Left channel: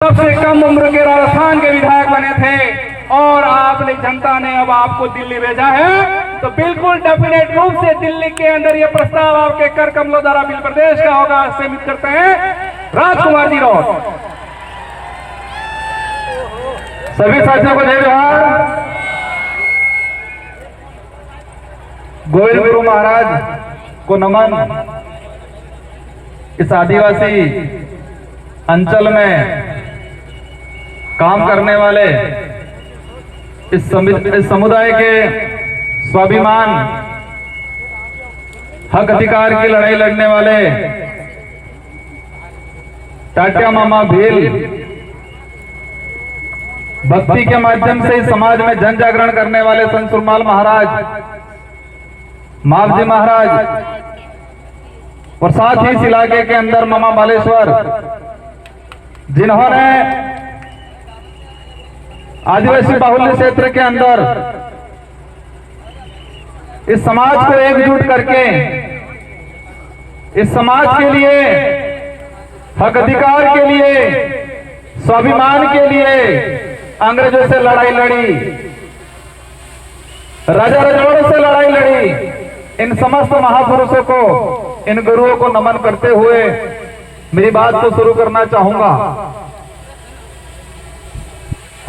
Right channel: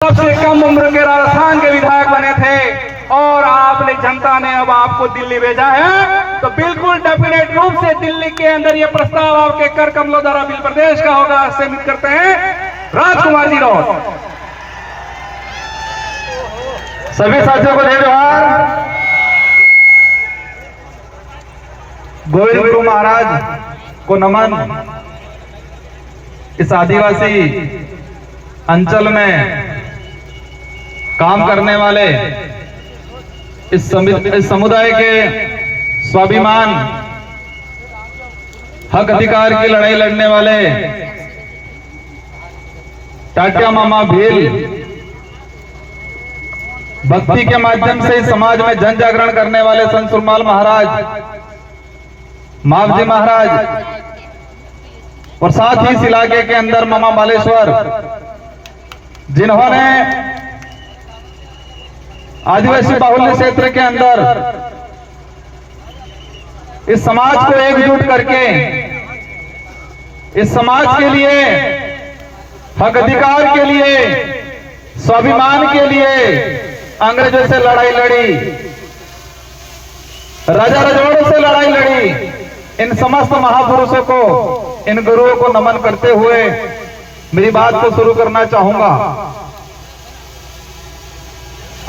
सबसे कम उम्र के राजस्थान के विधायक बने थे और आपने जनता ने अब आपको दिल्ली भेजा है, तो बिल्कुल डेफिनेट रूप से दिल्ली के अंदर यह प्रस्ताव आपके कर कमलों द्वारा बिल प्रदेश का होगा। सीमित करते हैं राजकुमार जी को। सभी साथियों को जय जोहार। गोविंद गुरु महाराज को नमन। इस आदिवासी अंचल में काम करने वाले इस समुदाय के स्वाभिमान हक अधिकार की लड़ाई लड़ने वाले टाटिया मामा भील भक्ति के माध्यम से समाज में जन जागरण करने वाले संत सुरमाल महाराज, मावजी महाराज और साथ ही इस इलाके के अंदर मामा बालेश्वर, जिन्होंने आदिवासी बाहुल्य क्षेत्र के अंदर इस समाज को एकजुट करके इस समाज के लिए, हक अधिकार के लिए, स्वाभिमान के लिए अंग्रेजों से लड़ाई लड़ी, राजा रजवाड़ों से लड़ाई लड़ी। इन समस्त महापुरुषों को, इन गुरुओं को नमन करते हुए मेरी बात को शुरू करना चाहूंगा।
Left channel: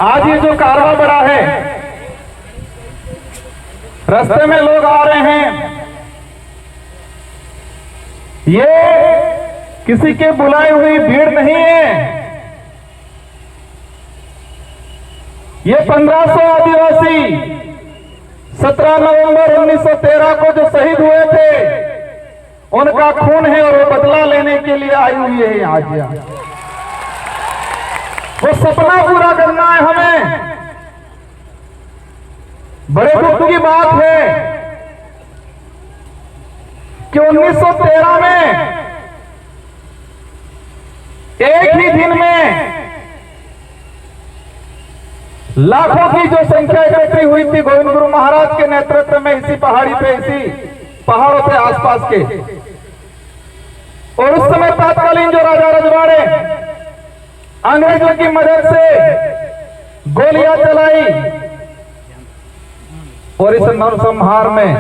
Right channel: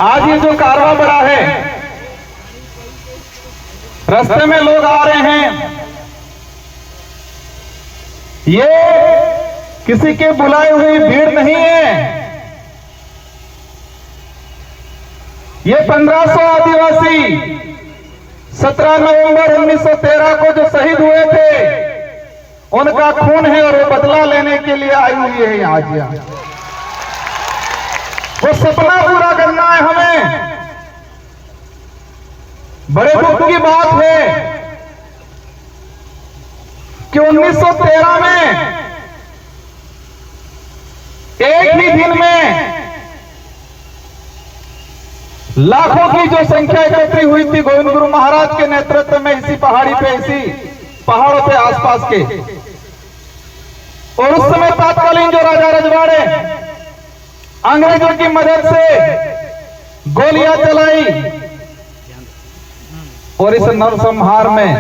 आज ये जो कारवां बढ़ा है, रास्ते में लोग आ रहे हैं, ये किसी के बुलाई हुई भीड़ नहीं है। ये 1500 आदिवासी 17 नवंबर 1913 को जो शहीद हुए थे, उनका खून है और वो बदला लेने के लिए आई हुई है आज। वो सपना पूरा करना है हमें। बड़े दुख की बात है कि 1913 में एक ही दिन में लाखों की जो संख्या इकट्ठी हुई थी गोविंद गुरु महाराज के नेतृत्व में, इसी पहाड़ी पे, इसी पहाड़ों पे आसपास के। और उस समय तत्कालीन जो राजा रजवाड़े अंग्रेजों की मदद से गोलियां चलाई और इस नरसंहार में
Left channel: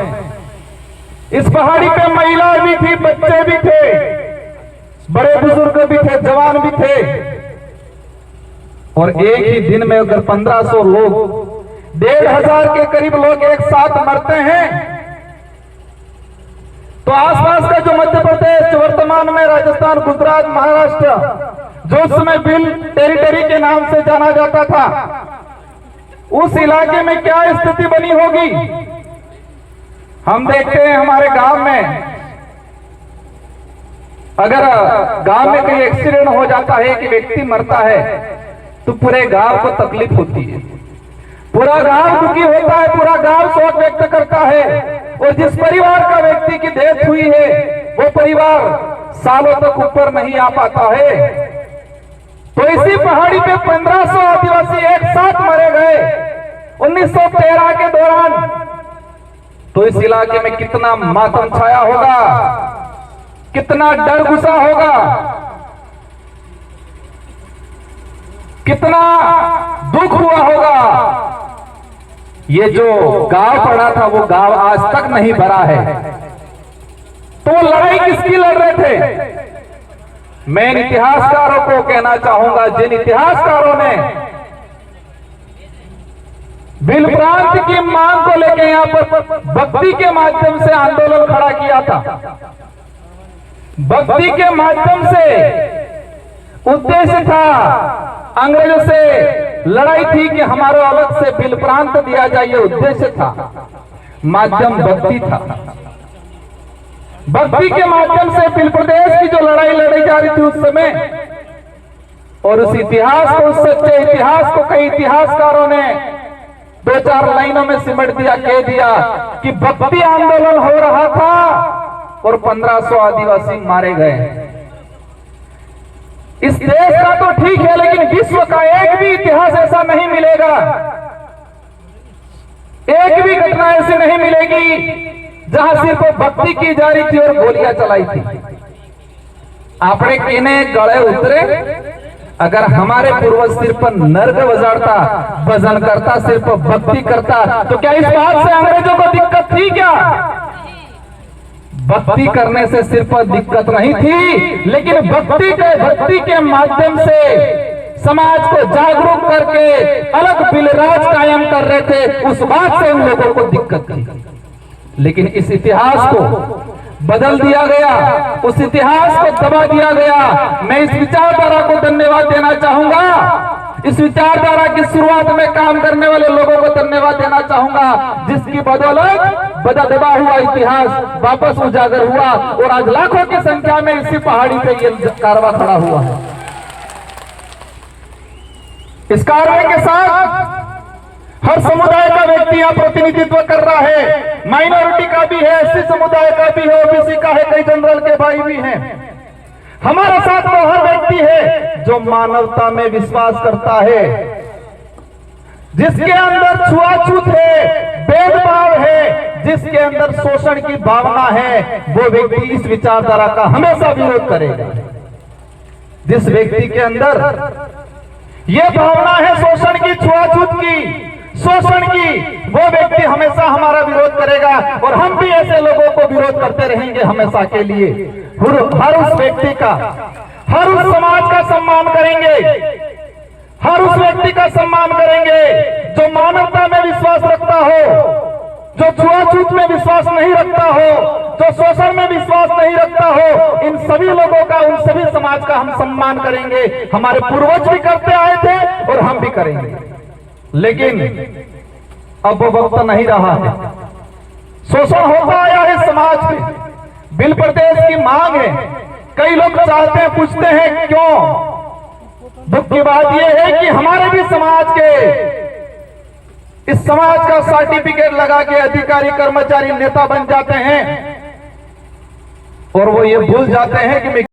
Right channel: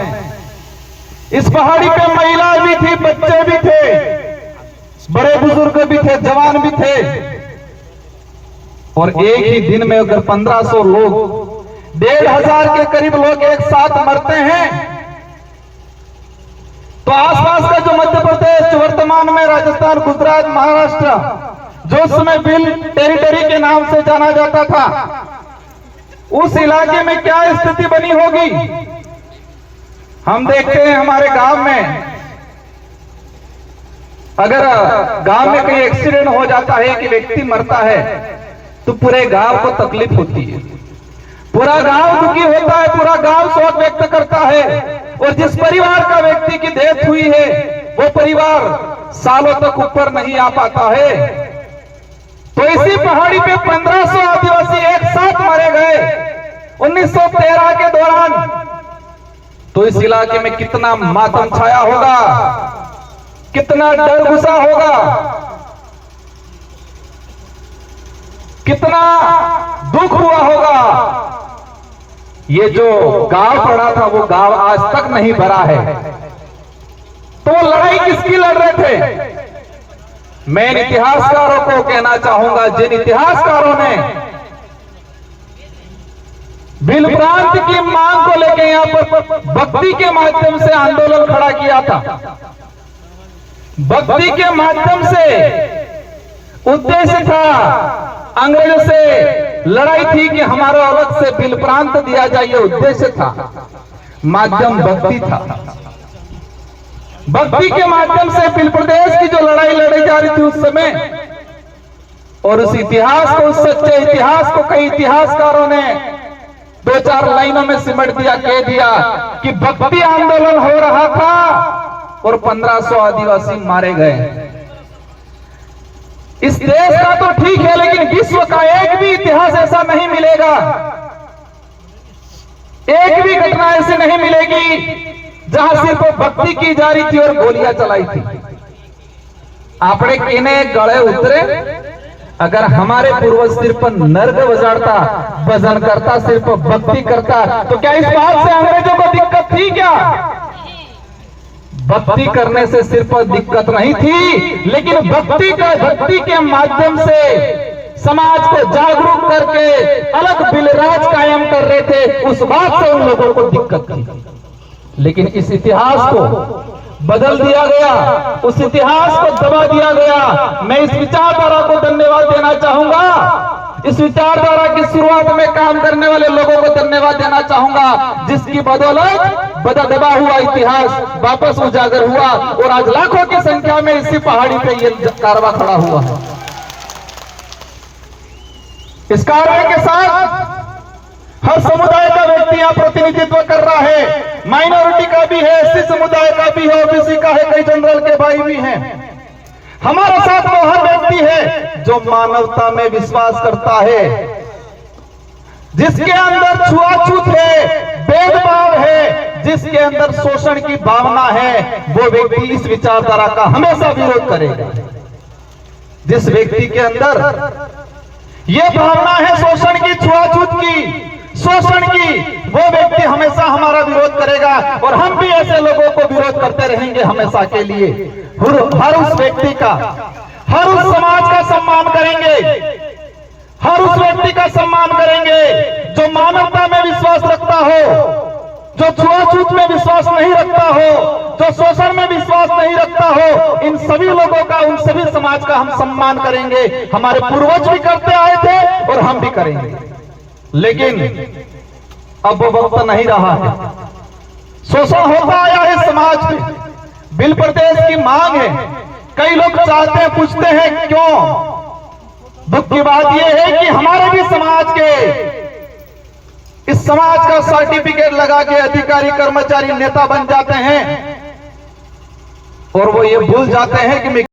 इस पहाड़ी पे महिला भी थी, बच्चे भी थे, बड़े बुजुर्ग भी थे, जवान भी थे। और एक ही दिन में अगर 1500 लोग, 1500 के करीब लोग एक साथ मरते हैं, तो आसपास का जो मध्य प्रदेश, जो वर्तमान में राजस्थान, गुजरात, महाराष्ट्र, जो उस समय बिल टेरिटरी के नाम से जाना जाता था, उस इलाके में क्या स्थिति बनी होगी। हम देखते हैं हमारे गांव में, अगर गांव में कहीं एक्सीडेंट हो जाता है, कि व्यक्ति मरता है, तो पूरे गांव को तकलीफ होती है, पूरा गांव दुखी होता है, पूरा गांव शोक व्यक्त करता है। और जिस परिवार का व्यक्ति की डेथ हुई है, वो परिवार सालों तक ऊपर नहीं आ पाता है। तो इसी पहाड़ी पे 1500 आदिवासी एक साथ मारे गए 1913 के दौरान। तो इस इलाके में कितना मातम छाया होगा, कितना डर घुसा होगा, कितना दुख हुआ होगा। ये जो गांव पड़ा था, वो गांव आज तक नहीं भरा है। तो लड़ाई किसकी लड़ रहे थे? मैं इन इतिहासकारों को कहना चाहूंगा, जिन इतिहासकारों ने बिल प्रांत की मांग को लेकर यहां पर भक्ति के माध्यम से आंदोलन खड़ा किया था। भक्ति के माध्यम से उद्देश्य था, अंग्रेजों से लड़ाई थी कि हमारा अलग से बिल प्रांत दिया जाए, ये उद्देश्य था। माध्यम भक्ति था। भक्ति के माध्यम से बिल प्रदेश की जो लड़ाई लड़ी जा रही थी उस समय, और उस इतिहास को, उस सच्चे इतिहास को कई इतिहासकारों ने 2-4 लाइनों में सिमट दिया, कह दिया कि भक्ति आंदोलन हो रहा था और 1500 आदिवासी मारे गए। इस देश का तो ठीक है, लेकिन विश्व का एक भी इतिहास ऐसा नहीं मिलेगा, एक भी घटना ऐसी नहीं मिलेगी जहां सिर्फ भक्ति की जा रही थी और गोलियां चलाई थी। आपने किने गले उतरे अगर हमारे पूर्वज सिर्फ नर्क बजाता, भजन करता, सिर्फ भक्ति करता, तो क्या इस बात से अंग्रेजों को दिक्कत थी क्या? भक्ति करने से सिर्फ दिक्कत नहीं थी, लेकिन भक्ति के माध्यम से समाज को जागरूक करके अलग बिलराज कायम कर रहे थे, उस बात से उन लोगों को दिक्कत थी। लेकिन इस इतिहास को बदल दिया गया, उस इतिहास को दबा दिया गया। मैं इस विचारधारा को धन्यवाद देना चाहूंगा, इस विचारधारा की शुरुआत में काम करने वाले लोगों को धन्यवाद देना चाहूंगा, जिसकी बदौलत दबा हुआ इतिहास वापस उजागर हुआ और आज लाखों की संख्या में इसी पहाड़ी पे ये कारवां खड़ा हुआ है। इस कारवां के साथ हर समुदाय का व्यक्ति यहाँ प्रतिनिधित्व कर रहा है, माइनॉरिटी का भी है, एससी समुदाय का भी है, ओबीसी का है, कई जनरल के भाई भी हैं। हमारे साथ वो हर व्यक्ति है जो मानवता में विश्वास करता है, जिसके अंदर छुआछूत है, भेदभाव है, जिसके अंदर शोषण की भावना है, वो व्यक्ति इस विचारधारा का हमेशा विरोध करेगा। जिस व्यक्ति के अंदर ये भावना है शोषण की, छुआछूत की, शोषण की, वो व्यक्ति हमेशा हमारा विरोध करेगा और हम भी ऐसे लोगों को विरोध करते रहेंगे हमेशा के लिए। हर उस व्यक्ति का, हर उस समाज का सम्मान करेंगे, हर उस व्यक्ति का सम्मान करेंगे जो मानवता में विश्वास रखता हो, जो छुआछूत में विश्वास नहीं रखता हो, जो शोषण में विश्वास नहीं रखता हो। इन सभी लोगों का, उन सभी समाज का हम सम्मान करेंगे। हमारे पूर्वज भी करते आए थे और हम भी करेंगे, लेकिन अब वो वक्त नहीं रहा है। शोषण होता आया है समाज में, बिल प्रदेश की मांग है। कई लोग चाहते हैं, पूछते हैं क्यों? दुख की बात यह है कि हमारे भी समाज के, इस समाज का सर्टिफिकेट लगा के अधिकारी, कर्मचारी, नेता बन जाते हैं और वो ये भूल जाते हैं कि